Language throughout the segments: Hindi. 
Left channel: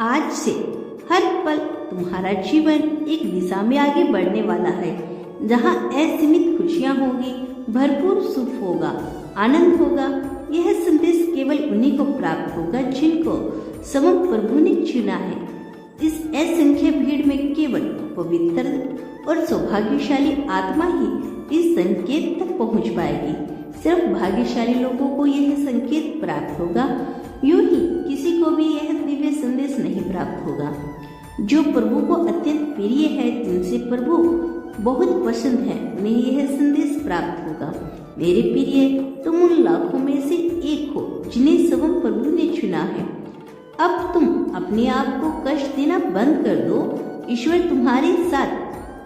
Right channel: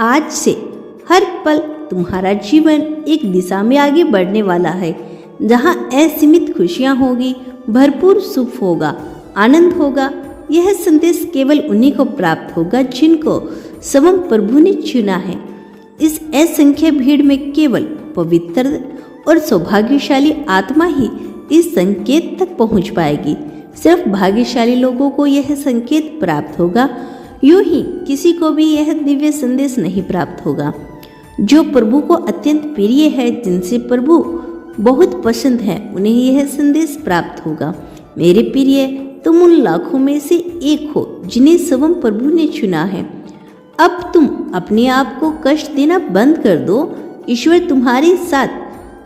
आज से हर पल तुम्हारा जीवन एक दिशा में आगे बढ़ने वाला है, जहाँ असीमित खुशियाँ होगी, भरपूर सुख होगा, आनंद होगा। यह संदेश केवल उन्हीं को प्राप्त होगा जिनको स्वयं प्रभु ने चुना है। इस असंख्य भीड़ में केवल पवित्र और सौभाग्यशाली आत्मा ही इस संकेत तक पहुंच पाएगी। सिर्फ भाग्यशाली लोगों को यह संकेत प्राप्त होगा, यूं ही किसी को भी यह दिव्य संदेश नहीं प्राप्त होगा। जो प्रभु को अत्यंत प्रिय है, जिनसे प्रभु बहुत पसंद है, उन्हें यह संदेश प्राप्त होगा। मेरे प्रिय, तुम उन लाखों में से एक हो जिन्हें स्वयं प्रभु ने चुना है। अब तुम अपने आप को कष्ट देना बंद कर दो। ईश्वर तुम्हारे साथ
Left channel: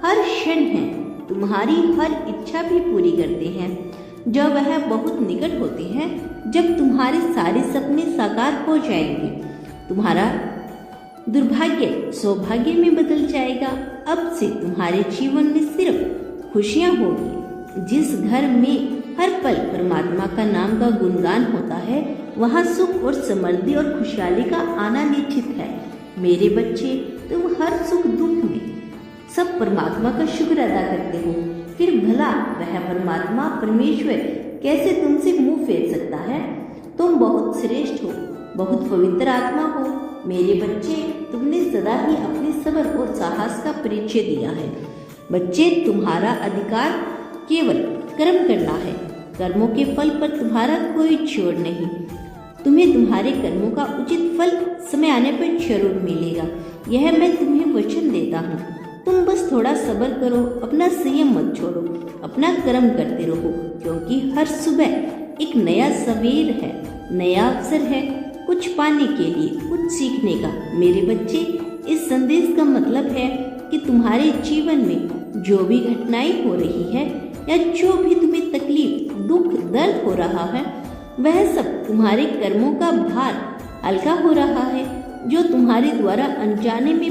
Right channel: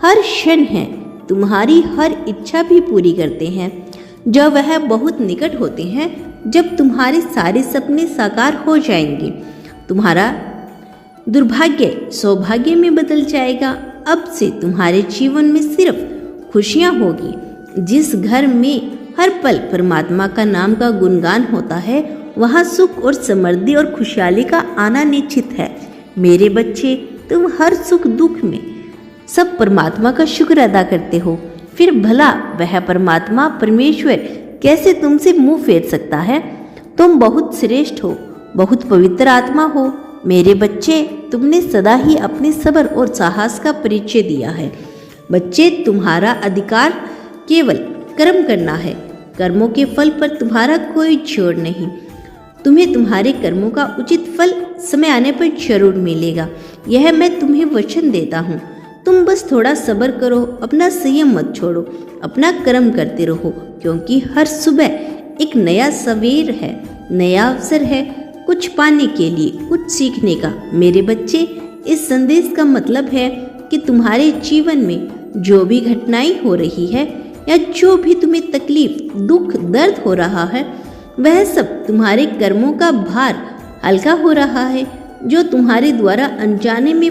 हर क्षण है, तुम्हारी हर इच्छा भी पूरी करते हैं। जब वह बहुत निकट होते हैं, जब तुम्हारे सारे सपने साकार हो जाएंगे, तुम्हारा दुर्भाग्य सौभाग्य में बदल जाएगा। अब से तुम्हारे जीवन में सिर्फ खुशियाँ होगी। जिस घर में हर पल परमात्मा का नाम का गुणगान होता है, वहाँ सुख और समृद्धि और खुशहाली का आना निश्चित है। मेरे बच्चे, तुम हर सुख दुख में सब परमात्मा का शुक्र अदा करते हो, फिर भला वह परमात्मा परमेश्वर कैसे तुमसे मुंह फेर सकता है? तुम बहुत श्रेष्ठ हो, बहुत पवित्र आत्मा हो। मेरे बच्चे, तुमने सदा ही अपने सब्र और साहस का परिचय दिया है। बच्चे, तुम्हारा अधिकार केवल कर्म करना है। कर्मों के फल पर तुम्हारा कोई जोर नहीं। तुम्हें तुम्हारे कर्मों का उचित फल समय आने पर जरूर मिलेगा, यह मैं तुम्हें वचन देता हूँ। तुम बस थोड़ा सब्र करो, अपना संयम मत छोड़ो, अपना कर्म करते रहो, क्योंकि हर सुबह एक नया सवेर है, नया अवसर है कुछ पाने के लिए, कुछ सीखने का। मेरे बच्चे, इस संदेश का मतलब है कि तुम्हारे जीवन में जो भी घटनाएं हो रही है या जो भी तुम्हें तकलीफ, दुख, दर्द हो रहा है, वह सब तुम्हारे कर्मों का भार हल्का हो रहा है, जो तुम्हारे द्वारा अनजाने में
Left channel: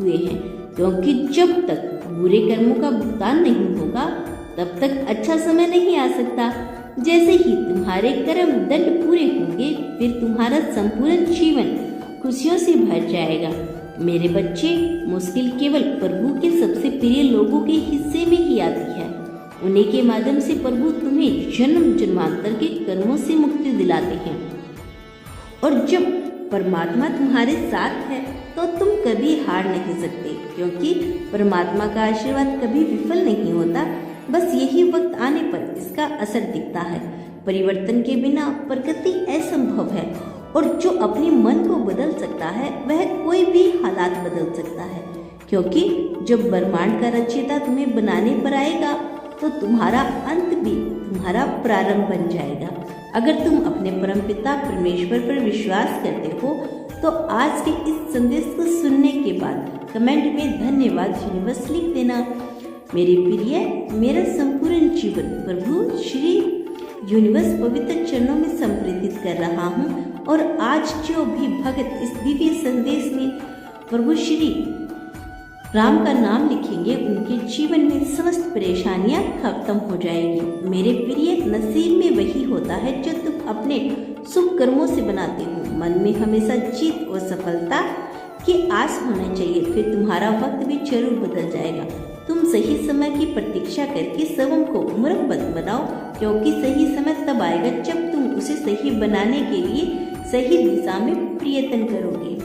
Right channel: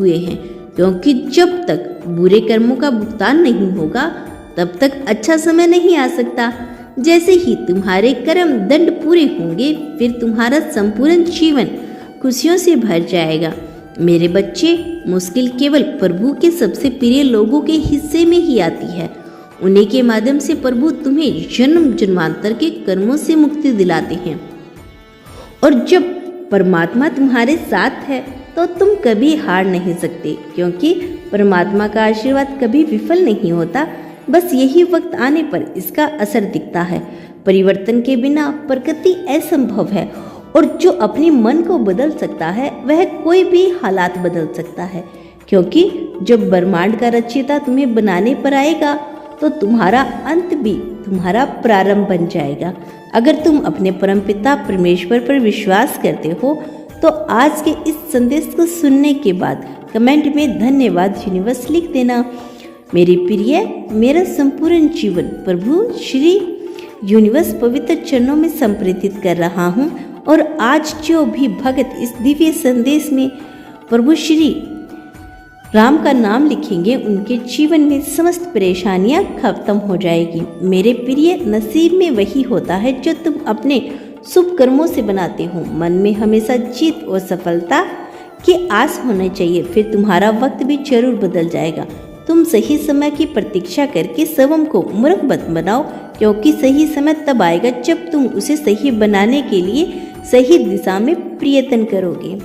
हुए हैं। क्योंकि जब तक बुरे कर्मों का भुगतान नहीं होगा, तब तक अच्छा समय नहीं आ सकता। जैसे ही तुम्हारे कर्म दंड पूरे होंगे, फिर तुम्हारा संपूर्ण जीवन खुशियों से भर जाएगा। मेरे बच्चे, मुश्किल केवल प्रभु के सबसे प्रिय लोगों के हिस्से में ही आती है। उन्हीं के माध्यम से प्रभु तुम्हें जन्म जन्मांतर के कर्मों से मुक्ति दिलाते हैं। और जब परमात्मा तुम्हारे साथ है, तो तुम कभी हार नहीं सकते, क्योंकि परमात्मा का आशीर्वाद कभी विफल नहीं होता। बस यही वक्त आने पर इसका असर दिखता है। परिवर्तन के बिना प्रकृति असंभव है, और जो अपने मन को बदल सकता है, वह कोई भी हालात बदल सकता है। क्योंकि जब ब्रह्मांड का रचयिता तुम्हें बनाने पर आएगा, तो तुम्हारा अंत भी तुम्हारा प्रारंभ बन जाएगा। अगर तुम अपने परमपिता परमेश्वर पर विश्वास करते हो, तो आज के इस संदेश को सुनने के बाद कमेंट में धन्यवाद यूनिवर्स लिख देना। मेरे प्रिय, मेरा संपूर्ण जीवन प्रभु श्री यूनिवर्स पवित्र चरणों में समर्पित कर रहा हूँ। और आज जो भी भक्त इस दिव्य संदेश में प्रभु श्री राम का नाम लिखेंगे, उनके जीवन में समस्त परेशानियां खत्म हो जाएगी। मेरे प्रिय, नसीब में वही होता है जो तुम अपने शुभ कर्मों से बनाते हो। मन में हमेशा जीत और सफलता की आस होना चाहिए, फिर तुम्हारा वक्त भी जरूर बदल जाएगा। तुम सही समय की प्रतीक्षा करके स्वयं को मूर्ख मत बनाओ, क्योंकि सही समय तब आएगा जब तुम उसे सही बनाने के लिए सही दिशा में प्रयत्न करोगे।